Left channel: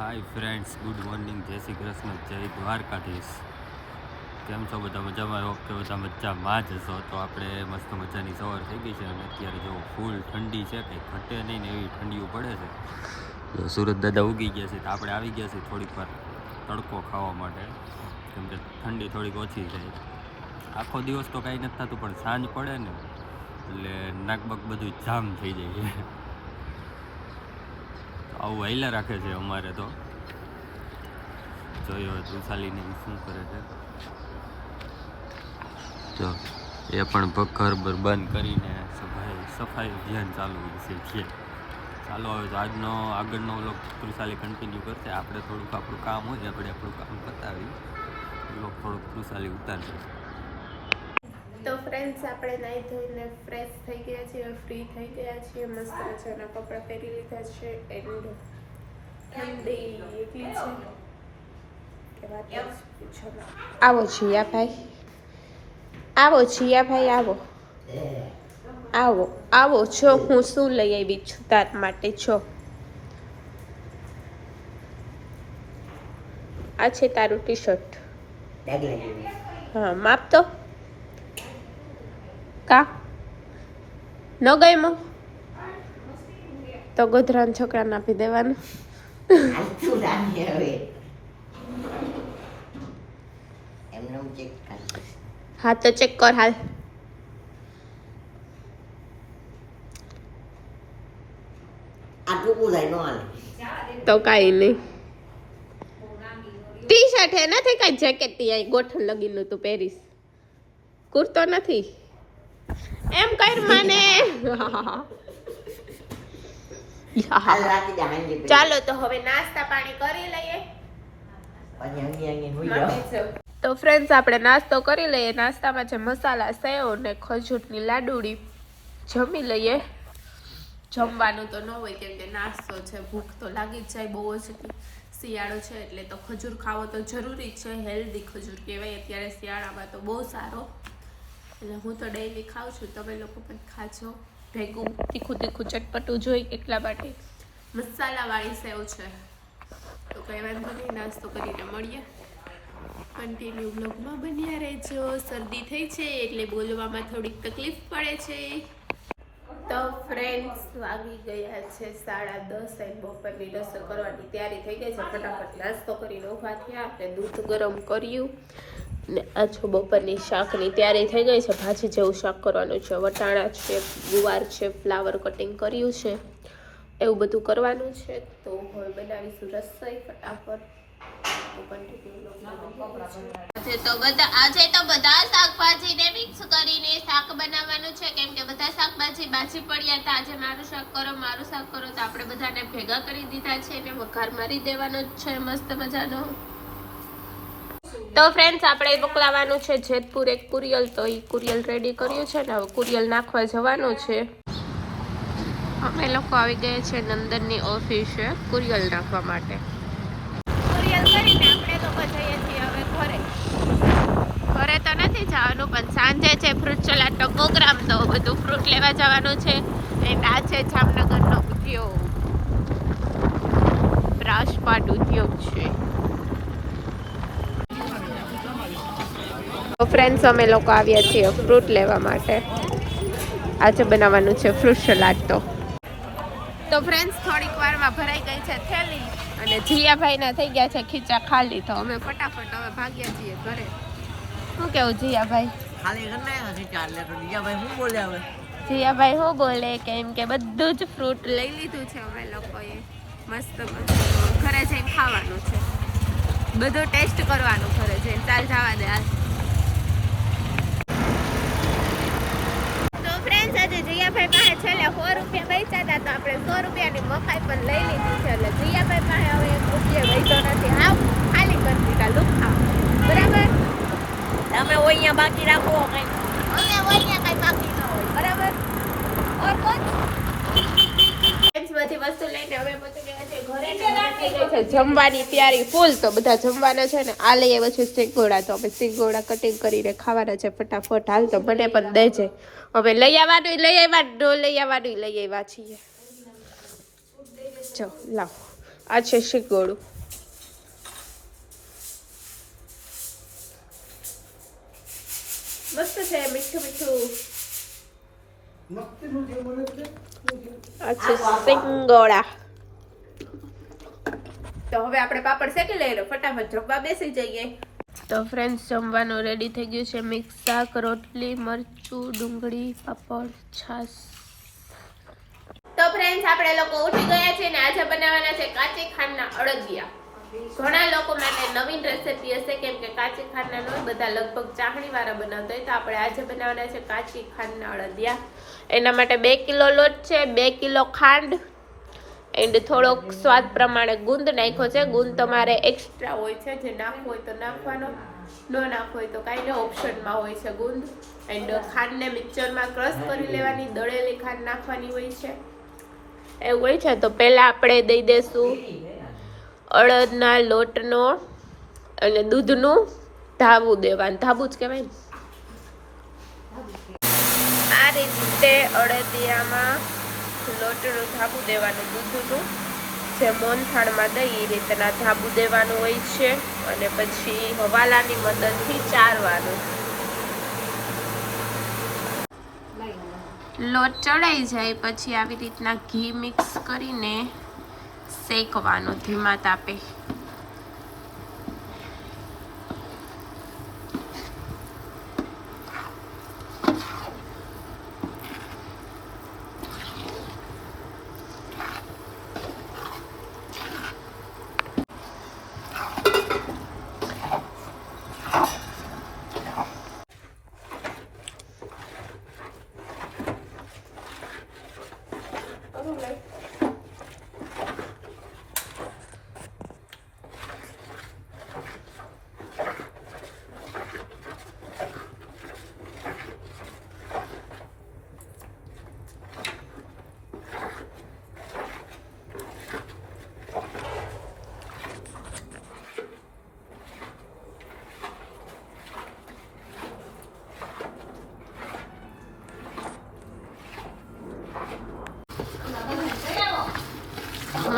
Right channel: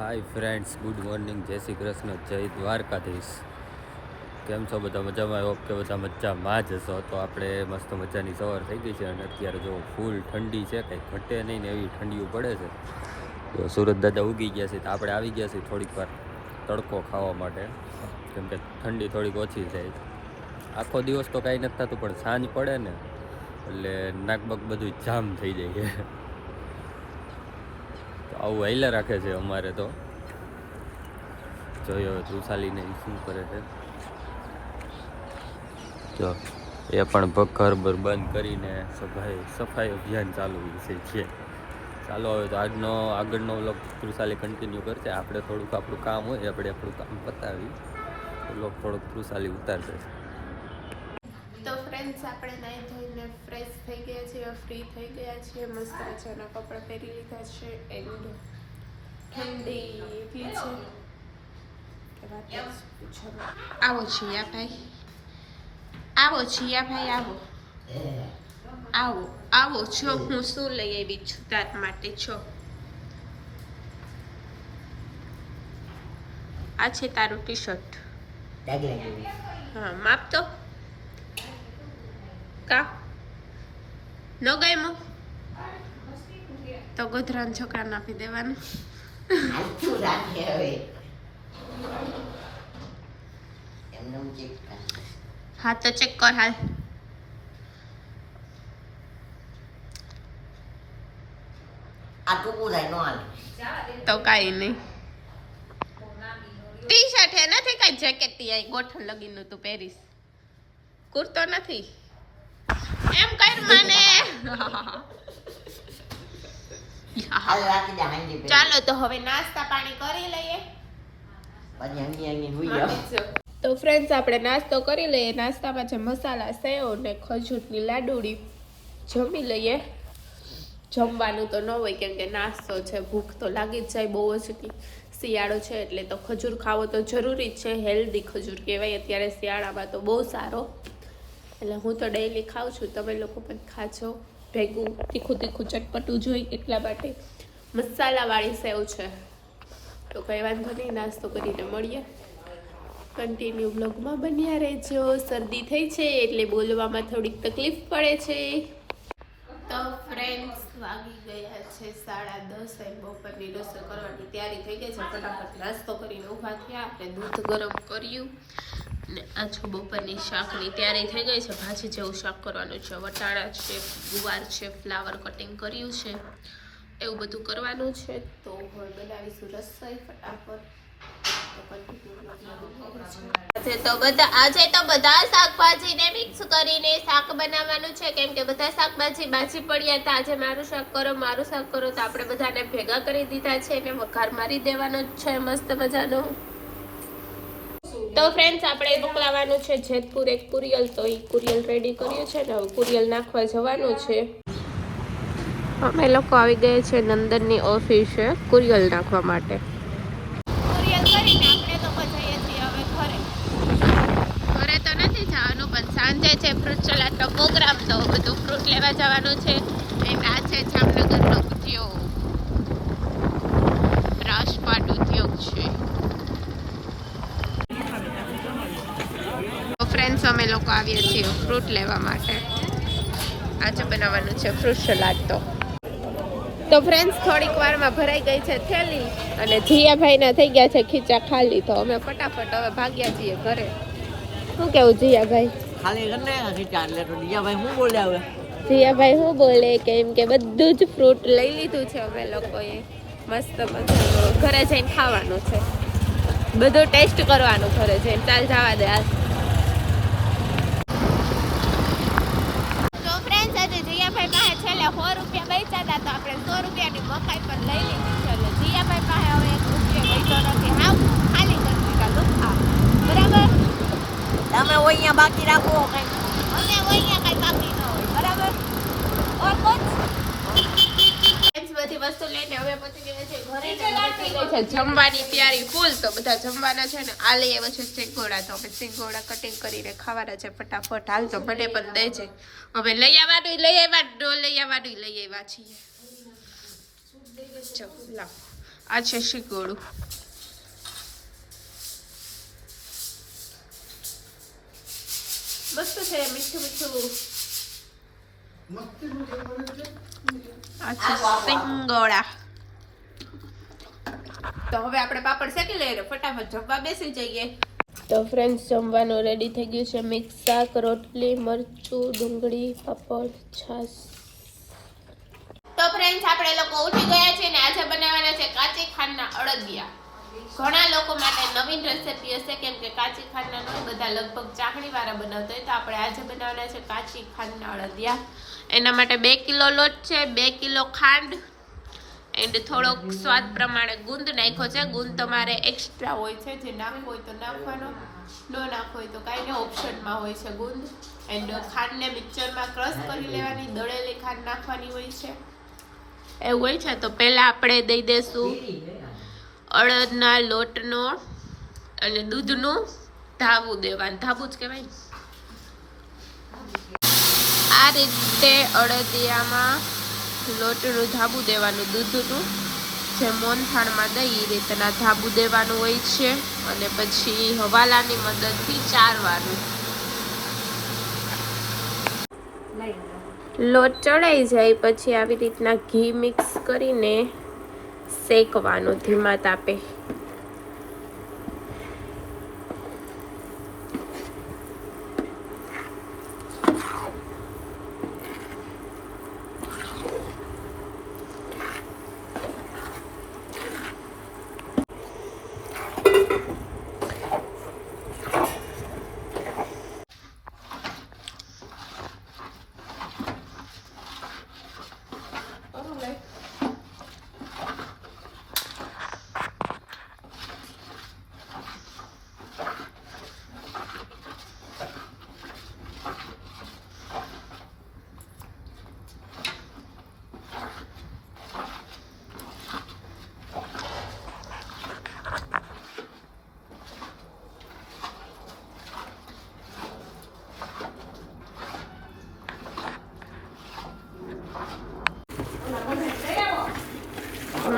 Hi friends, good morning, જય શ્રી કૃષ્ણ, જય દ્વારકાધીશ. કેમ છો બધા? મજામાં? ઓકે, બધા મજામાં જ હશો. તો આપણે મસ્ત મજાની સવાર થઈ ગઈ છે અને અત્યારે જો ફૂલ ઠંડી છે, કંઈ ઘટે નહીં ને એવી ઠંડીઓ પડે છે. જો સુરત દાદા ઉગી ગયા છે તો આપણે આવી ગયા છીએ થોડીક વાર તડકો ખાવા માટે, કેમ કે ઠંડી થોડીક ઓછી થાય. આખો દિવસ તો કાંઈ નથી થતું, પણ સાંજ પડે ને એટલે નાકબક બધું જામ થઈ જાય છે. તો આવું હાઈલા રાખે છે અમારે. તો જોયો હવે તૃષાલીને શું કરે છે. જો એ પણ ઘર બંધ કરીને સફાઈ અભિયાન ચાલુ છે. ચાલો હવે તો આગળનો વ્લોગ તૃષાલી કન્ટિન્યુ કરશે. આપણે થોડુંક આપણું કામ હોય, આપણે આપણું કામ પતાવી વ્લોગ થોડોક તૃષાલી ઉતારશે. તો ફ્રેન્ડ્સ, આપણે નાહી ધોઈને ફ્રેશ થઈ ગયા છીએ, ફ્રી થઈ ગયા છીએ, મસ્ત મજાના કપડાં પહેરી લીધા છે. એન્ડ ઠંડી એટલી છે કે વાત જ પૂછો માં. આવો જીયાભાઈ, આવો જીયાભાઈ, આવો છો. હું શું લઈ આવી છું તાર માટે? છો આ છે તારું ટી શર્ટ. હા, માપ તો કા ન ગયમો તો ગોધરાના છોકરાને આપી દેવાનું. હા તો ચેક કર હાલ. તો કાંઈ નહીં. ટી શર્ટ હે, નથી કાંઈ જેકેટ. તી ગોઠણ લગીનું તું પહેરીશ, કુર્તો નથી. એમ કર મને. ચાલો તો હવે નાસ્તા પાણી કરી લઈએ. તો ફ્રેન્ડ્સ, આપણે નાસ્તો કરી લઈએ. નાસ્તામાં છે મસાલા સેવ ને ખજૂરની લાડુડી. જમી લઈએ. જમવાનું તો ન હોય કેમ કે નાસ્તો છે, ભૂખ તો લાગી જ જાય બહુ જ. શિયાળો છે એટલે તો ખજૂર ખાવો તો જરૂરી જ છે. હેલ્ધી ખજૂર કહેવાય અત્યારે શિયાળામાં, તો બહુ સારો. એટલે હું તો ડેઈલી ખાઉં છું, તમે લોકો પણ ખાજો. ભેગું તીખું ચટપટું જોઈ એટલા માટે મસાલાવાળી સેવ છે. તો કંઈ વાંધો નહીં, નાસ્તો કરીને મળીએ. કન્ટિન્યુ બ્લોગમાં બન્યા રહેજો. શરદી થઈ છે એટલે બોલવામાં થોડીક તકલીફ પડે છે. તો ફ્રેન્ડ્સ, વાગી ગયા છે 10:30. બપોરની રસોઈ કરવાની તૈયારી થઈ ગઈ છે. ફટાફટ નાસ્તો કરીને ઊભા થયા એટલે દૂધ ગરમ કર્યું ને આ છો બપોરની શાકની તૈયારી થઈ ગઈ છે. ભાજી જેવું શાક કરવાનું છે. વટાણા છે, ગુવાર છે, ફ્લાવર કટિંગ કર્યું છે, એવું બધું કરવાનું છે. તો હવે બનાવીશું રસોઈ ફટાફટ. આજે તો બધા શાકભાજીને મિક્સ કરીને શાક બનાવવાનું છે, કેમ કે બધા શાકભાજી બાજી પડ્યા હતા. આજે મારું શાક કરો તો આપણે બધાને ભેગા કરી દીધા છે અને વઘાર મારી દેવાનો છે મસ્ત મજાનો. તો ફ્રેન્ડ્સ, આપણે મોકલાવાનું છે જેતપુર એક કુરિયલ. તો એ કુરિયલ રેડી કર્યું છે ને હવે કુરિયલ નાખવા જવાનું છે. અમે લોકો આવી ગયા છે નંદનની ઓફિસે કુરિયલ નાખવા માટે. ઘરે તો નથી જવાનું, પણ સાંજે છે ફ્રૂટ સલાડનો પ્રોગ્રામ, તો બધું ફ્રૂટ લેવા જવાનું છે. આ છે જામનગરનો ઉદ્યોગ, બ્રાસપાટ ઉદ્યોગ છે. તો ફ્રેન્ડ્સ, અમે લોકો આવ્યા છીએ ફ્રૂટ લેવા માટે. આજે બનાવવાનું છે ફ્રૂટ સલાડ. તો ફ્રેન્ડ્સ, થોડીક વારમાં ભરાઈ ગઈ છે થેલી અને જીયાભાઈના થઈ ગયા છે ખીચા ખાલી. તો અમે ફટાફટ હવે ભાગ્યા છીએ ઘરે. શું કેવું જીયાભાઈ? ખાલી કરને ખીચા એટલે તો જીયાભાઈ શું બોલે હવે? જીયાભાઈ શું બોલે કેમ કે બધું જ ફ્રૂટ લઈ લીધું છે અમે લોકોએ. મસ્ત મજાનું ઘરે જઈને ખાવાનું છે, બધું ટેસ્ટ કરવાનું ઘરે જઈને. ચાલ જવા દે આજ. તો ફ્રેન્ડ્સ, આજે જીયાભાઈ પાસે છેલ્લે 100 રૂપિયા બચ્યા હતા, તો આપણે 100 રૂપિયાની મકાઈ પણ લઈ લીધી છે. એટલે જીયાભાઈ પાસે હવે 1 રૂપિયો બચ્યો નથી. હાવ ખાલી કરી દીધા લુખા. બરાબર? તમે અહીંયા બાકી રાખો કઈ. અમે અહીંયા કઈ બાકી ન હોય. બરાબર? બધી વસ્તુ લઈને હવે પહોંચી ગયા છે ઘરે. થઈ ગઈ છે જમવાની તૈયારી ફૂલ. તો બધા જમવાના છે ને આ લઈ આવ્યા છે સિંગોડા. તો અમે સિંગોડા કટિંગ કરીને ખાવાના છે ફટાફટ. હાલ તો મને પણ દેજે. હવે લઈ આવવાનું લઈ આવ્યા છીએ. જો લાવ, આ છે શીગોળું. મસ્ત છે, મીઠું મીઠું. આ છે સિંગોડા. તો હવે આપણે પાપડ શેકી લઈએ, ફટાફટ જમવા બેસી જઈએ. તો ફ્રેન્ડ્સ, જમવાનું રેડી થઈ ગયું છે. મિક્સ શાક, રોટલી, મરચું, ડુંગળી, પાપડ, છાશ. તો ફ્રેન્ડ્સ, આપણે લોકો ઉઠી ગયા છે ને આજે બનાવવાના છે કાચી ખાંડના અડદિયા. ઘણા લોકો માટે નવીન રેસીપી હશે, કેમ કે કાચી ખાંડના નો બધા લગભગ ચાહણી વાળા બનાવતા હોય. તો આપણે આજે બનાવવાના છે કાચી ખાંડના અડદિયા. એના માટે 2 કિલો લોટ છે, 2 કિલો ખાંડ એન્ડ થોડોક સ્વાદ પ્રમાણે ગુંદ નાખ્યો છે. ગુંદ તમારે એક્સ્ટ્રા હોય છે, જે નાખવો હોય તો નાખવાનો, ન નાખવો હોય તો કાંઈ નહીં, ઓપ્શનમાં હોય છે ગુંદ. એન્ડ ખાંડને મિક્સરમાં ક્રશ કરી લેવાની, દળેલી ખાંડ નાખવાની હોય છે, એવું હોય છે. તો પહેલાં આપણે દઈ દઈશું અડદના લોટનો અને દૂધનું ધાબું દેવાનું. ધાબું જ કહેવાય ને. આ રીતે અડદિયામાં લોટનું ધાબું દેવાનું, દૂધનું જે મોનથાળમાં દઈ એ રીતના ધાબું દેવાનું હોય છે. અને પછી હવાલાની મદદથી ચારવાનું. લોટ ચડાઈ જાય પછી આવી રીતના ઘી મિક્સ કરીને શેકવાનું ધીમા તાપે.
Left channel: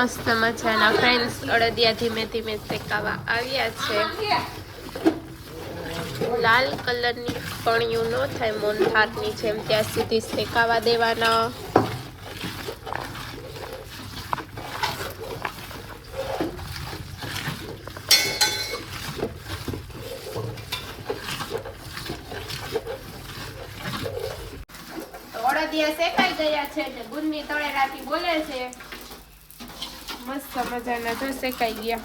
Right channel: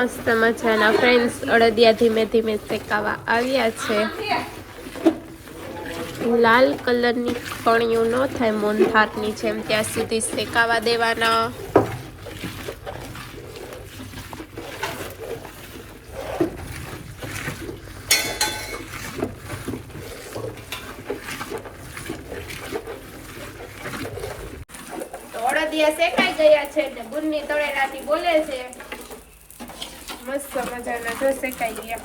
મસ્ત મજાના ફ્રેન્ડ્સ અડદિયા ધીમે ધીમે શેકાવા આવ્યા છે. લાલ કલરની ફણીઓ ન થાય મોનથાળની જેમ ત્યાં સુધી શેકાવા દેવાના. અડદિયા શેકાઈ ગયા છે ને ગુંદની તળેલાથી બોલે છે. મસ્ત મજાના જો શેકાઈ ગયા.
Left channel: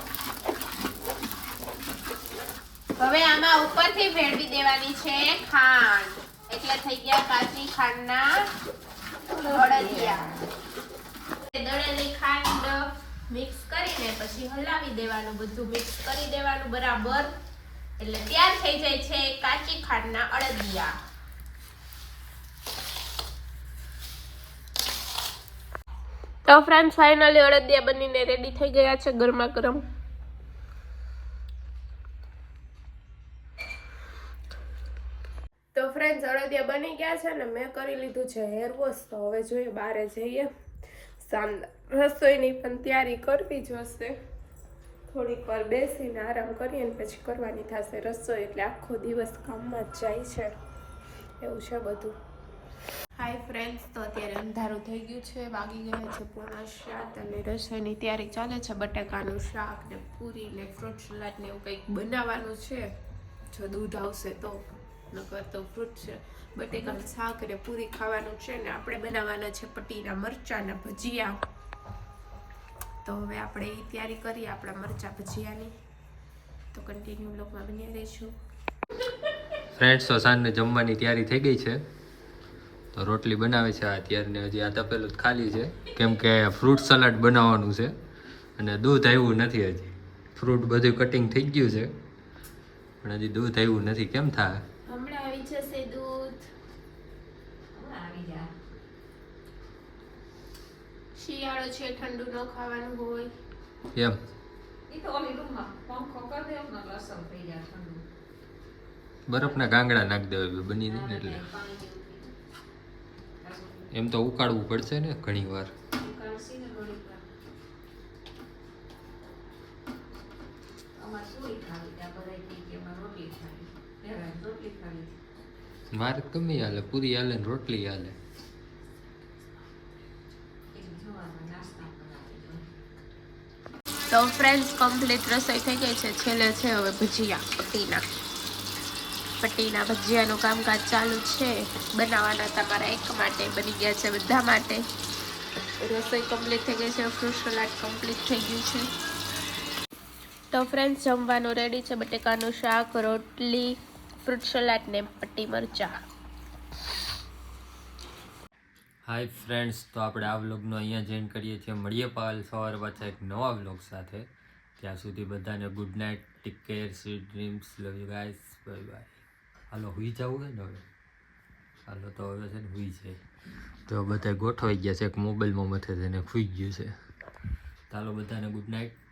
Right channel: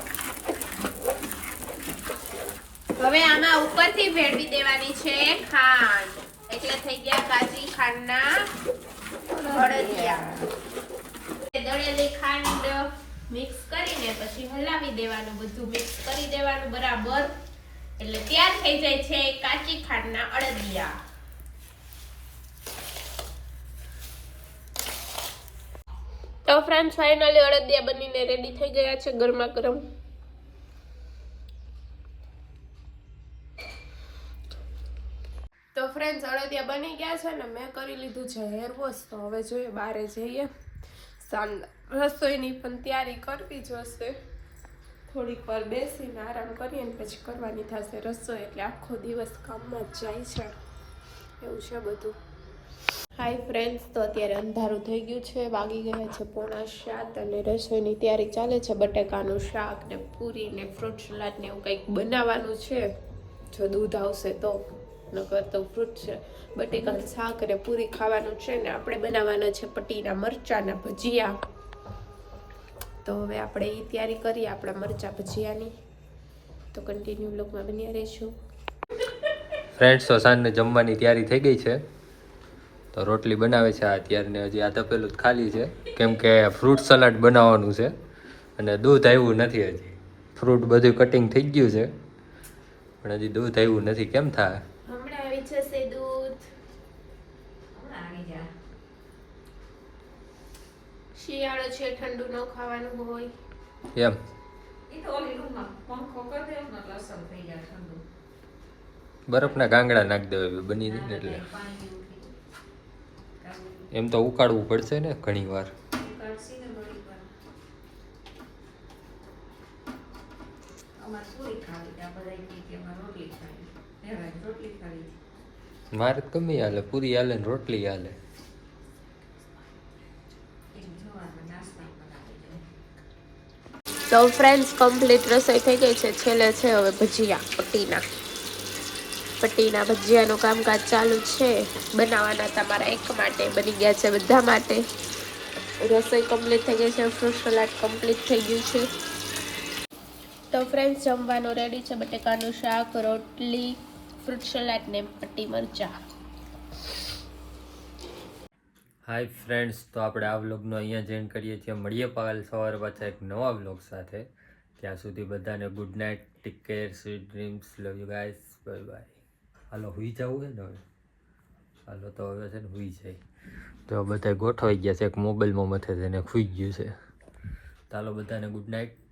હવે આમાં ઉપરથી ભેળવી દેવાની છે ખાંડ, એટલે થઈ ગયા કાચી ખાંડના અડદિયા. દળેલી ખાંડ મિક્સ કરીને પછી હલાવી દેવાનું, બધું મિક્સ કરી દેવાનું બરાબર, એટલે તૈયાર થઈ જાય છે કાચી ખાંડના અડદિયા. તો ફ્રેન્ડ્સ, ફાઇનલી અડદિયા બનીને રેડી થઈ ગયા છે ગરમા ગરમ. તો ફ્રેન્ડ્સ, અડદિયા બની ગયા છે ને મેં કરી લીધું છે હેર વોશ. તો હવે જોઈએ બહાર જઈએ. રસોઈની પણ તૈયારી કરવી જોશે. થોડીક વાર બેસીને આરામ કરીએ ને પછી કરવાની થશે રસોઈ. એટલે આખો દિવસ કામમાં જ જાય છે, એવું છે બધું. હાય ફ્રેન્ડ્સ, તો અત્યારે અંધારું થઈ ગયું છે, વાગી ગયા છે 6:45 અને રસોઈની તૈયારી ચાલે છે. બટેકાનું શાક ને પૂરી ને ફ્રૂટ સલાડ ને એવું કંઈક બનાવવાનું છે, જો દૂધ આવશે તો. નકર તો ફ્રૂટ છે, બટેકાનું શાક અને પૂરી ખાવાનું છે ને આપણે બનાવવાના છે પટીના મરચાના ભજીયા. તો હવે આપણે એ તૈયારી કરીએ આપણા મરચા ભજીયાની. તો કન્ટિન્યુ બ્લોગમાં બન્યા રહીશું. ફ્રેન્ડ્સ, તો સાંજને જમવાની તૈયારી થઈ ગઈ છે. તો રોટલી બનાવે છે આ અત્યારને, હજી આ તપેલું જ ખાલી છે કેમ કે ફ્રૂટ સલાડ બનાવવાનું છે અને દૂધ આવ્યું નથી હજી. ફ્રૂટ બધું કટિંગ થઈ ગયું છે પણ હજી દૂધ આવ્યું નથી. કેમ થાય? હમણાં આવી જશે દૂધ. શિયાળો છે, ઠંડુ ન ખાવાનું હોય એમ. બરફના ગાંગડા નાખી દેવા બની જાય ને એટલે. એમ તો ઉકાળવું પડશે ને ઘણી વાર. મારે ગમે હાલે, પૂરી હાલે ને રોટલી હાલે. તો ફ્રેન્ડ્સ કમ્પ્લીટ રસોઈ થઈ ગઈ છે. છેલ્લે છે હવે ભજીયા, પટ્ટીના ભજીયાનું કામકાજ ચાલુ છે. બનાવવાના તમારા એક માટે, બની ગયા છે બધા માટે. રસોઈ કમ્પ્લીટ થઈ ગઈ છે, ફ્રૂટ સલાડ કમ્પ્લીટ થઈ ગયું છે. તો ફ્રેન્ડ્સ જમવાનું રેડી છે. બટેકાનું શાક, રોટલી, ફ્રૂટ સલાડ ને પટ્ટી મરચા. હાય ફ્રેન્ડ્સ, તો આપણે આ વ્લોગનો અહીંયા જોઈન કરીએ છીએ. મળીએ પાલ સવારે પાછા એક નવા વ્લોગ સાથે. ત્યાં સુધી બધાને good night, take care, sweet dreams, love you guys, bye bye. હાલો હુઈ જવું છે ને હવે? હાલો તો હવે છે ને હુઈ જાય. તો બધા ગોઠવાઈ ગયા છે. એક મોબાઈલમાં મથે છે ને ખુઈ ગયું છે. ચાલો બધાને ગુડ નાઇટ.